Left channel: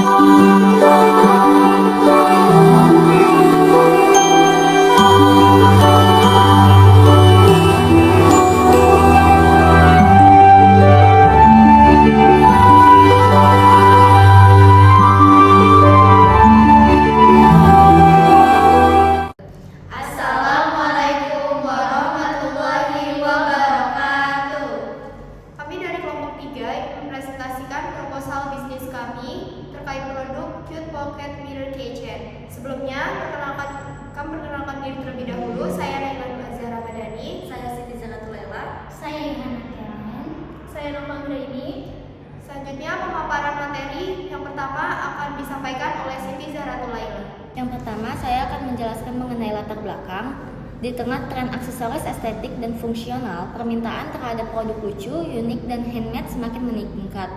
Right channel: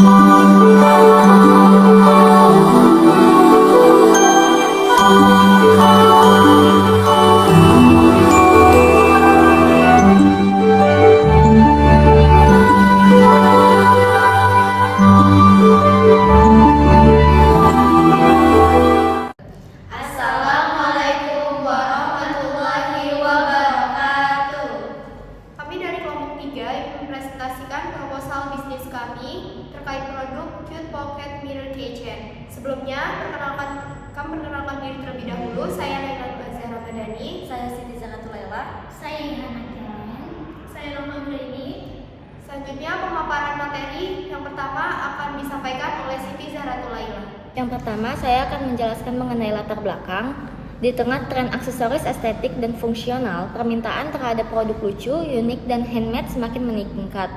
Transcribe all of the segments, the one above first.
Assalamualaikum warahmatullahi wabarakatuh. Kami dari kelompok 3 mempresentasikan proposal bisnis kami terkait produk Cute Pocket Mirror Keychain. Sebelumnya, kami perkenalkan diri terlebih dahulu. Saya Naila Azhar Ramadhani. Saya Siti Zanatul Laila. Saya Hana Kiraman. Saya Roma Nuraini. Selanjutnya, pemaparan materi yang pertama akan disampaikan oleh Siti Zahratul Laila. Yang pertama, saya akan menjelaskan mengenai latar belakang. Di tengah tren aksesoris estetik dan fungsional, permintaan terhadap produk lucu, unik, dan handmade semakin meningkat,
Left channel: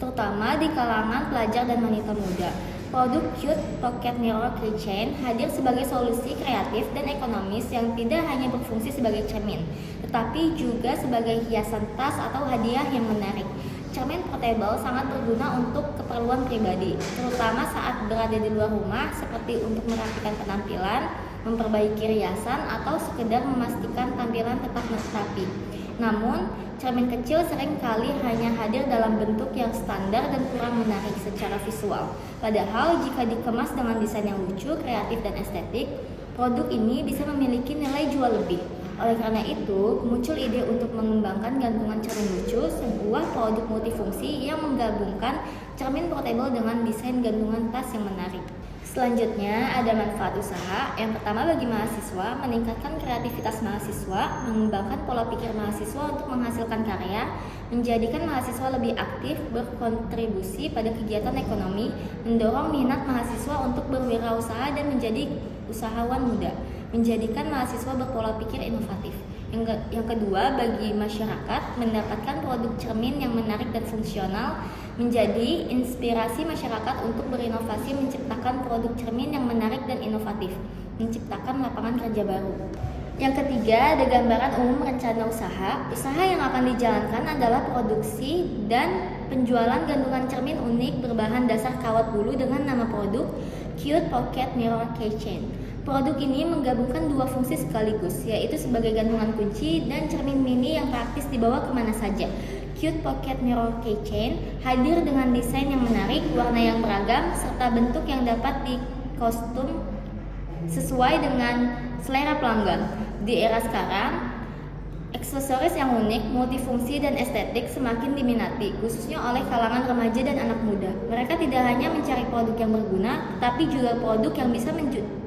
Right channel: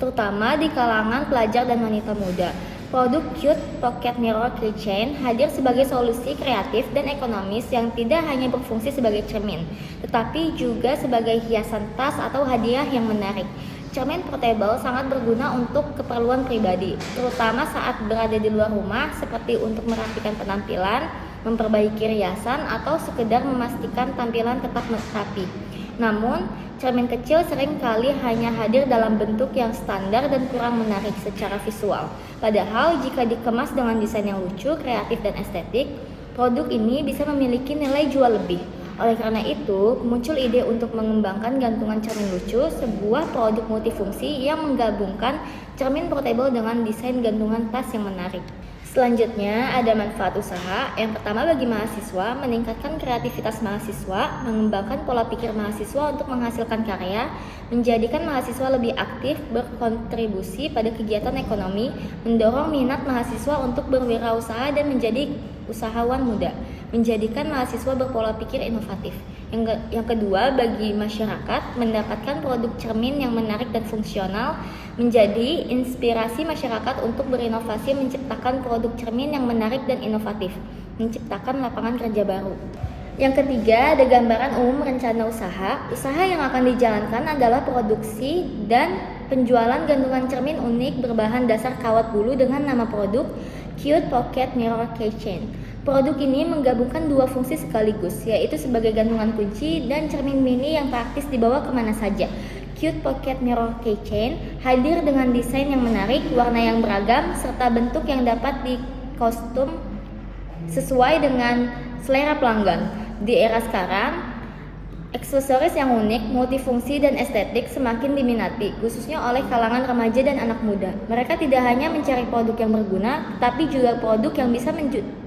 terutama di kalangan pelajar dan wanita muda. Produk Cute Pocket Mirror Keychain hadir sebagai solusi kreatif dan ekonomis yang tidak hanya berfungsi sebagai cermin, tetapi juga sebagai hiasan tas atau hadiah yang menarik. Cermin portable sangat berguna untuk keperluan pribadi, terutama saat berada di luar rumah, seperti untuk merapikan penampilan, memperbaiki riasan, atau sekedar memastikan tampilan tetap rapi. Namun, cermin kecil seringkali hanya hadir dalam bentuk yang standar dan kurang menarik secara visual. Padahal, jika dikemas dengan desain yang lucu, kreatif, dan estetik, produk ini bisa memiliki nilai jual lebih. Oleh karena itu, muncul ide untuk mengembangkan gantungan cermin lucu, sebuah produk multifungsi yang menggabungkan cermin portable dengan desain gantungan tas yang menarik. Selanjutnya, ada manfaat usaha. Yang pertama, bagi mahasiswa, meningkatkan kreativitas mahasiswa, mengembangkan pola pikir mahasiswa untuk menghasilkan karya, menjadikan mahasiswa lebih aktif berkontribusi pada kegiatan ekonomi, mendorong minat mahasiswa untuk berwirausaha dan menjadi usahawan muda, menjadikan mahasiswa berpola pikir inovatif. Yang kedua, bagi masyarakat, mendapatkan produk cermin yang menarik dan fungsional, menjadi inspirasi masyarakat untuk berinovasi menciptakan produk cermin yang menarik dan inovatif, menciptakan lapangan kerja baru. Yang ketiga, ada gambaran umum rencana usaha. Usaha yang akan dijalankan adalah produksi dan penjualan gantungan cermin unik berbahan dasar kawat bulu dengan nama produk Cute Pocket Mirror Keychain. Produk ini menggabungkan dua fungsi sekaligus, yaitu sebagai gantungan kunci dan cermin mini yang praktis dibawa kemana saja. Cute Pocket Mirror Keychain hadir dengan desain yang menarik, warna yang beragam, serta bentuk yang dapat dikostum sesuai dengan selera pelanggan. Di era sekarang, aksesoris yang unik, multifungsi, dan estetik semakin diminati, khususnya oleh kalangan remaja dan anak muda. Mereka tidak hanya mencari produk yang berguna, tapi juga produk yang bisa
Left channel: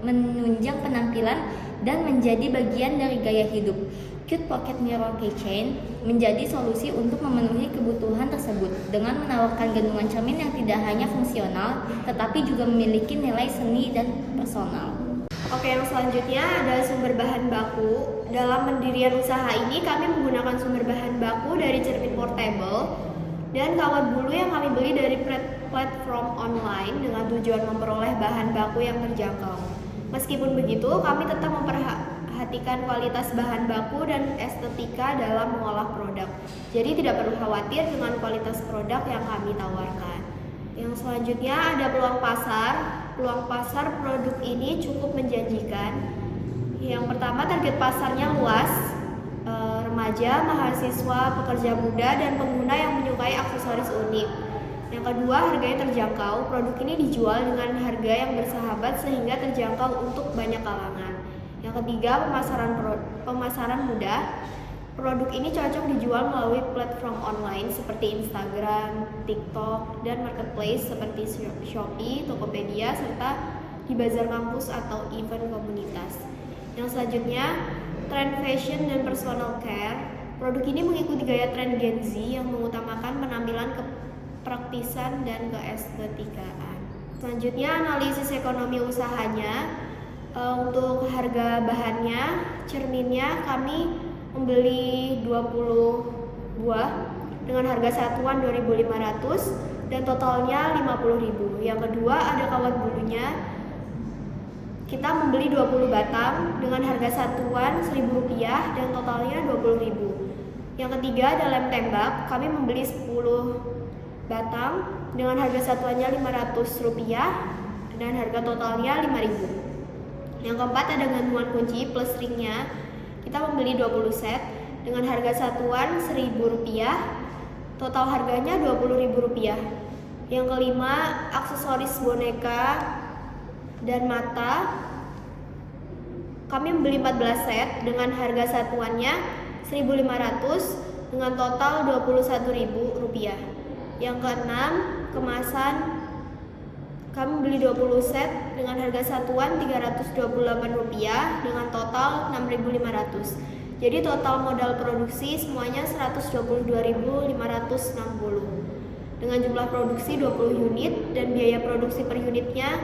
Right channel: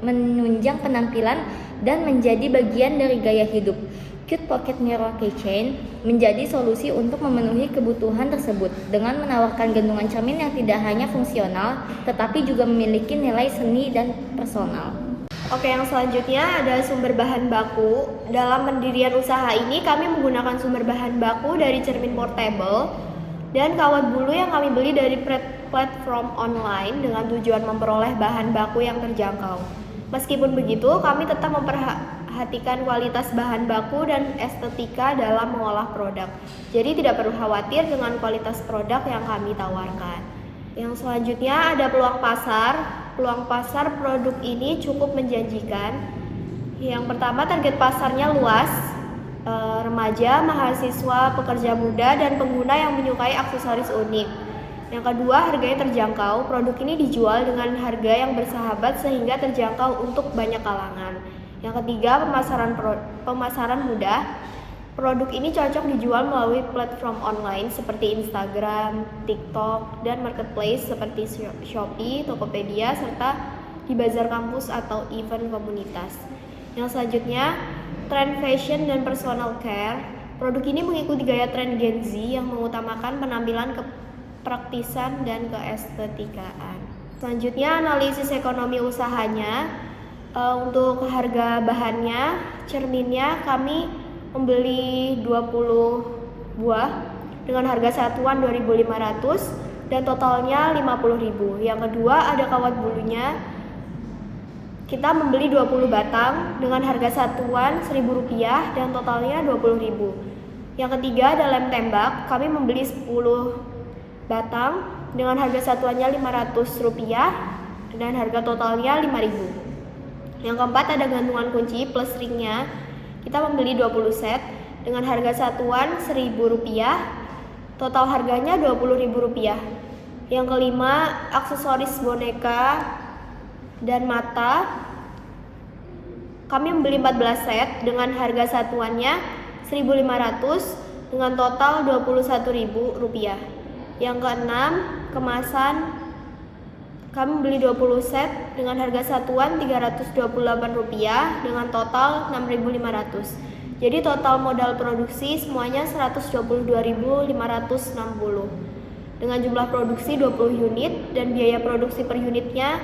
menunjang penampilan dan menjadi bagian dari gaya hidup. Cute Pocket Mirror Keychain menjadi solusi untuk memenuhi kebutuhan tersebut dengan menawarkan gantungan cermin yang tidak hanya fungsional, tetapi juga memiliki nilai seni dan personal. Oke, yang selanjutnya adalah sumber bahan baku. Dalam pendirian usaha ini, kami menggunakan sumber bahan baku dari cermin portable dan kawat bulu yang kami beli dari platform online dengan tujuan memperoleh bahan baku yang terjangkau. Meskipun begitu, kami tetap memperhatikan kualitas bahan baku dan estetika dalam mengolah produk. Jadi tidak perlu khawatir dengan kualitas produk yang kami tawarkan. Yang selanjutnya ada peluang pasar. Peluang pasar produk ini cukup menjanjikan. Yang pertama, target pasarnya luas, remaja, mahasiswa, pekerja muda, dan pengguna yang menyukai aksesoris unik. Yang kedua, harganya terjangkau. Produk ini dijual dengan harga yang bersahabat sehingga terjangkau untuk banyak kalangan. Yang ketiga, pemasaran mudah. Produk ini cocok dijual melalui platform online seperti Instagram, TikTok, dan marketplace seperti Shopee, Tokopedia, serta di bazar kampus atau event komunitas. Yang selanjutnya, tren fashion dan personal care. Produk ini mengikuti gaya tren Gen Z yang mengutamakan penampilan kepraktisan dan keestetikaan. Selanjutnya, analisis ekonomi usahanya. Untuk harga bahannya, cerminnya kami membeli 20 buah dengan harga satuan 2.500 dan totalnya 50.000. Yang kedua, ada kawat bulunya. Kita membeli 20 batang dengan harga satuan Rp1.000 dan totalnya 20.000. Yang ketiga, ada lem tembak. Kami membeli 10 batang dengan harga satuannya Rp500 dan harga totalnya Rp5.000. Yang keempat ada gantungan kunci plus ringnya. Kita membeli 20 set dengan harga satuan Rp1.000, total harganya Rp20.000. Yang kelima, aksesoris boneka dan mata. Kami membeli 14 set dengan harga satuannya Rp1.500 dengan total Rp21.000. Yang keenam, kemasan. Kami beli 20 set dengan harga satuan Rp328 dengan total Rp6.500. Jadi total modal produksi semuanya Rp122.560. Dengan jumlah produksi 20 unit dan biaya produksi per unitnya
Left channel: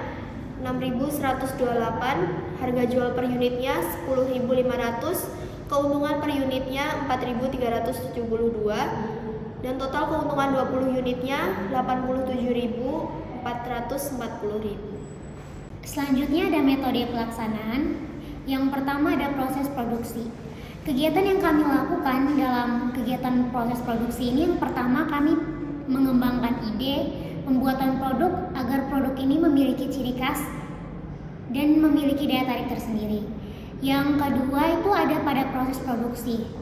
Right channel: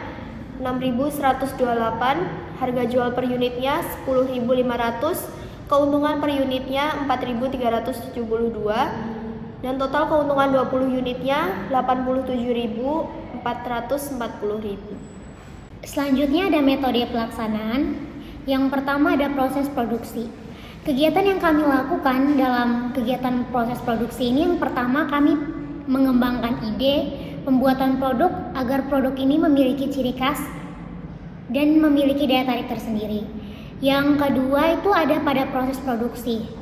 Rp6.128, harga jual per unitnya Rp10.500, keuntungan per unitnya Rp4.372, dan total keuntungan 20 unitnya Rp87.440.000. Selanjutnya ada metode pelaksanaan. Yang pertama ada proses produksi. Kegiatan yang kami lakukan dalam kegiatan proses produksi ini, yang pertama kami mengembangkan ide pembuatan produk agar produk ini memiliki ciri khas dan memiliki daya tarik tersendiri. Yang kedua itu ada pada proses produksi.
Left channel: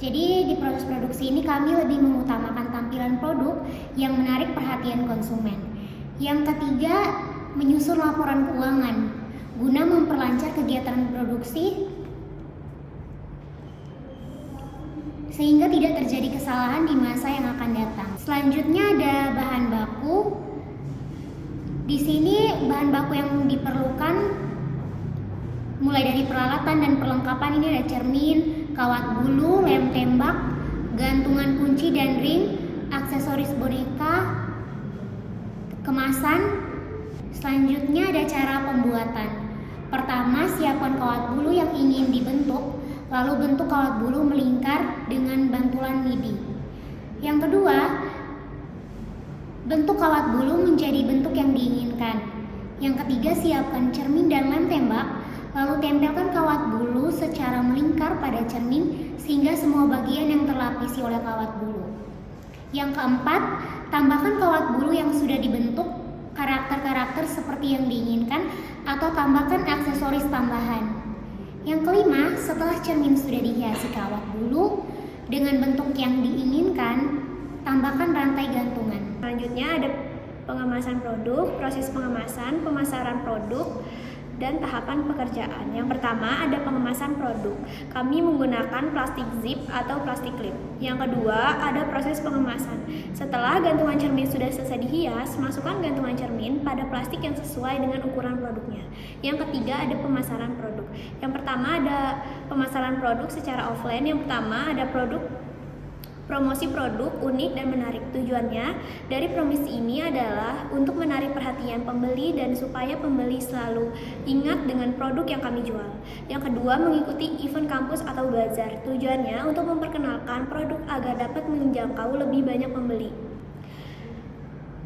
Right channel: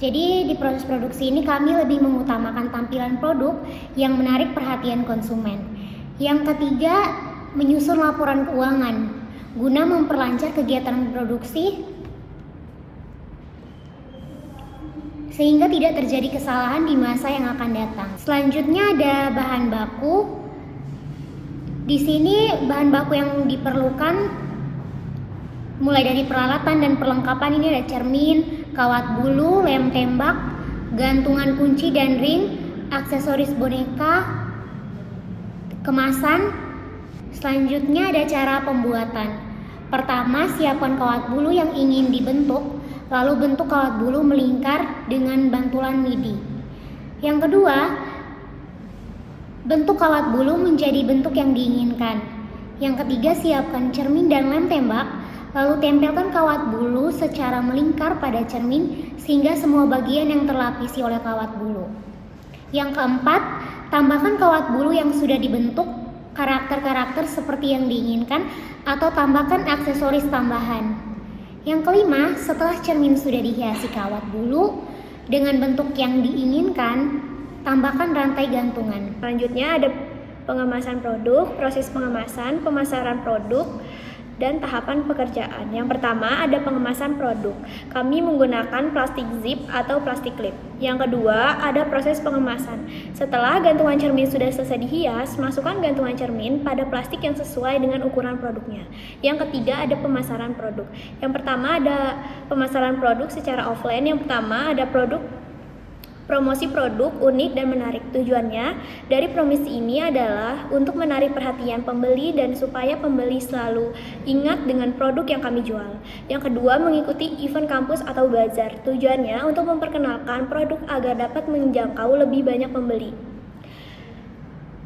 Jadi di proses produksi ini kami lebih mengutamakan tampilan produk yang menarik perhatian konsumen. Yang ketiga, menyusun laporan keuangan guna memperlancar kegiatan produksi sehingga tidak terjadi kesalahan di masa yang akan datang. Selanjutnya ada bahan baku. Di sini bahan baku yang diperlukan mulai dari peralatan dan perlengkapan ini ada cermin, kawat bulu, lem tembak, gantungan kunci dan ring, aksesoris boneka, kemasan. Selanjutnya ada cara pembuatan. Pertama, siapkan kawat bulu yang ingin dibentuk, lalu bentuk kawat bulu melingkar dengan bantuan lidi. Yang kedua, bentuk kawat bulu menjadi bentuk yang diinginkan. Yang ketiga, siapkan cermin dan lem tembak, lalu tempelkan kawat bulu secara melingkar pada cermin sehingga semua bagian yang terlapisi oleh kawat bulu. Yang keempat, tambahkan kawat bulu yang sudah dibentuk karakter-karakter seperti yang diinginkan atau tambahkan aksesoris tambahan. Yang kelima, setelah cermin sudah dihiasi kawat bulu dengan bentuk yang diinginkan, tambahkan rantai gantungan. Selanjutnya ada pengemasan produk, proses pengemasan, pemasaran produk, dan tahapan pekerjaan. Yang pertama ada pengemasan produk. Kami menggunakan plastik zip atau plastik clip. Yang kedua ada proses pengemasan. Setelah gantungan cermin sudah selesai dihias, masukkan gantungan cermin pada plastik yang sesuai dengan ukuran produknya. Yang ketiga ada pemasaran produk. Yang pertama ada pemasaran produk secara offline. Yang pertama ada promosi produk unik dan menarik. Tujuannya dari promosi ini adalah untuk menarik perhatian pembeli dan supaya pembeli selalu ingat dengan produk yang kami jual. Yang kedua, mengikuti event kampus atau bazar. Tujuannya untuk memperkenalkan produk agar dapat menjangkau lebih banyak pembeli.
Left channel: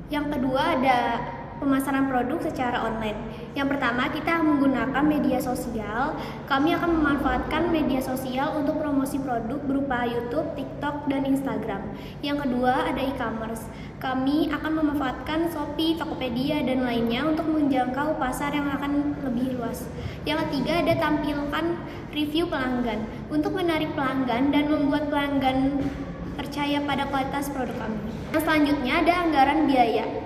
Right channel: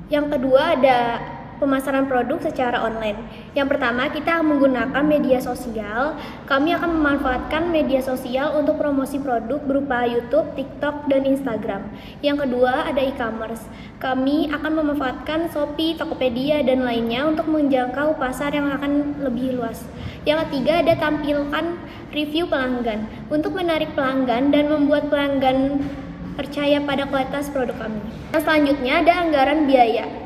Yang kedua ada pemasaran produk secara online. Yang pertama, kita menggunakan media sosial. Kami akan memanfaatkan media sosial untuk promosi produk berupa YouTube, TikTok, dan Instagram. Yang kedua, ada e-commerce. Kami akan memanfaatkan Shopee, Tokopedia, dan lainnya untuk menjangkau pasar yang akan lebih luas. Yang ketiga, ada tampilkan review pelanggan untuk menarik pelanggan dan membuat pelanggan percaya pada kualitas produk kami. Yang selanjutnya ada anggaran biaya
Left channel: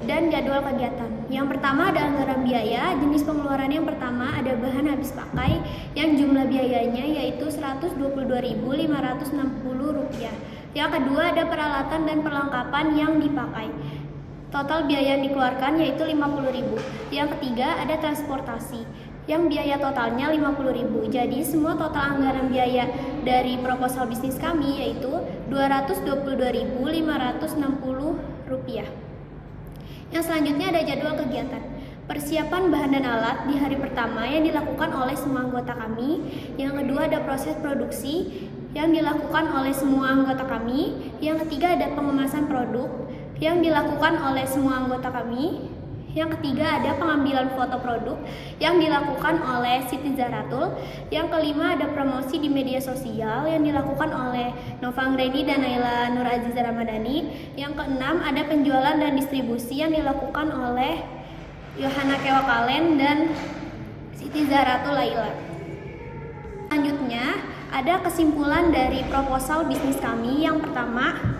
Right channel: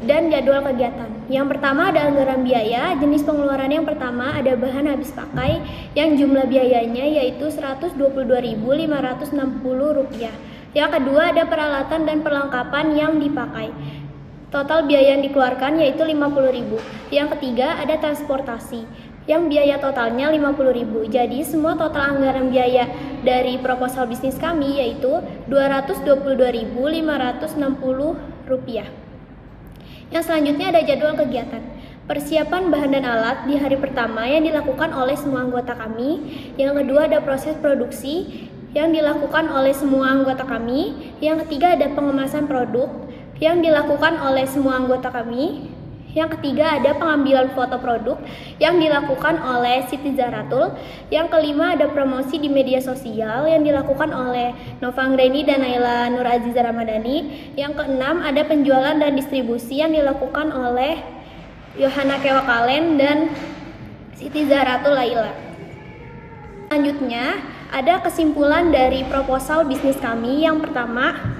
dan jadwal kegiatan. Yang pertama ada anggaran biaya. Jenis pengeluaran yang pertama ada bahan habis pakai yang jumlah biayanya yaitu Rp122.560. Yang kedua ada peralatan dan perlengkapan yang dipakai. Total biaya yang dikeluarkan yaitu Rp50.000. Yang ketiga ada transportasi yang biaya totalnya Rp50.000. Jadi semua total anggaran biaya dari proposal bisnis kami yaitu Rp222.560. Yang selanjutnya ada jadwal kegiatan. Persiapan bahan dan alat di hari pertama yang dilakukan oleh semua anggota kami. Yang kedua ada proses produksi yang dilakukan oleh semua anggota kami. Yang ketiga ada pengemasan produk yang dilakukan oleh semua anggota kami. Yang ketiga ada pengambilan foto produk yang dilakukan oleh Siti Zaratul. Yang kelima ada promosi di media sosial yang dilakukan oleh Nova Anggreni dan Naila Nur Aziza Ramadhani. Yang keenam ada penjualan dan distribusi yang dilakukan oleh Yohana Kewakalen dan Siti Zaratul Laila. Selanjutnya ada kesimpulan dari proposal bisnis kami. Yang pertama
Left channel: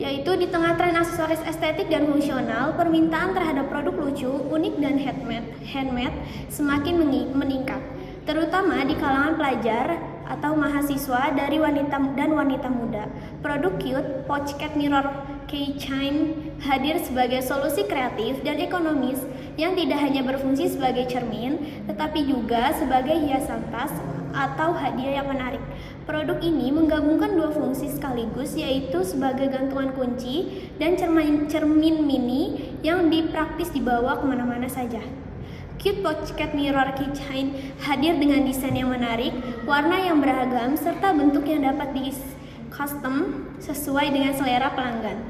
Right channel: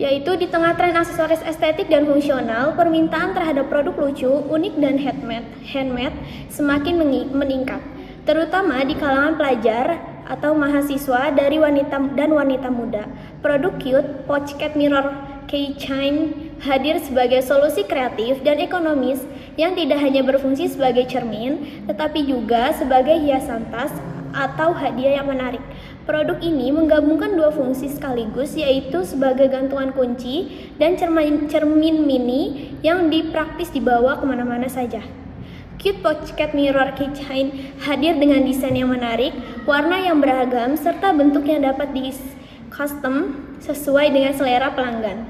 yaitu di tengah tren aksesoris estetik dan fungsional, permintaan terhadap produk lucu, unik, dan handmade semakin meningkat, terutama di kalangan pelajar atau mahasiswa dari wanita dan wanita muda. Produk cute, pocket mirror keychain hadir sebagai solusi kreatif dan ekonomis yang tidak hanya berfungsi sebagai cermin, tetapi juga sebagai hiasan tas atau hadiah yang menarik. Produk ini menggabungkan dua fungsi sekaligus, yaitu sebagai gantungan kunci dan cermin mini yang dipraktis dibawa kemana-mana saja. Cute Pocket Mirror Keychain hadir dengan desain yang menarik, warna yang beragam, serta bentuk yang dapat di-custom sesuai dengan selera pelanggan.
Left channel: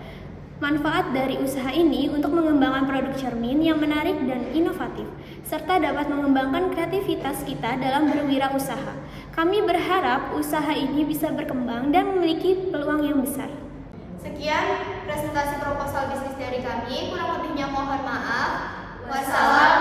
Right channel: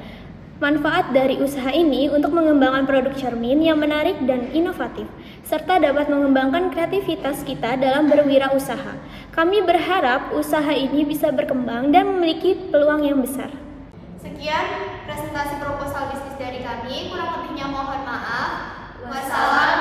Manfaat dari usaha ini untuk mengembangkan produk cermin yang menarik dan inovatif, serta dapat mengembangkan kreativitas kita dalam berwirausaha. Kami berharap usaha ini bisa berkembang dan memiliki peluang yang besar. Sekian presentasi proposal bisnis dari kami, kurang lebihnya mohon maaf. Wassalam.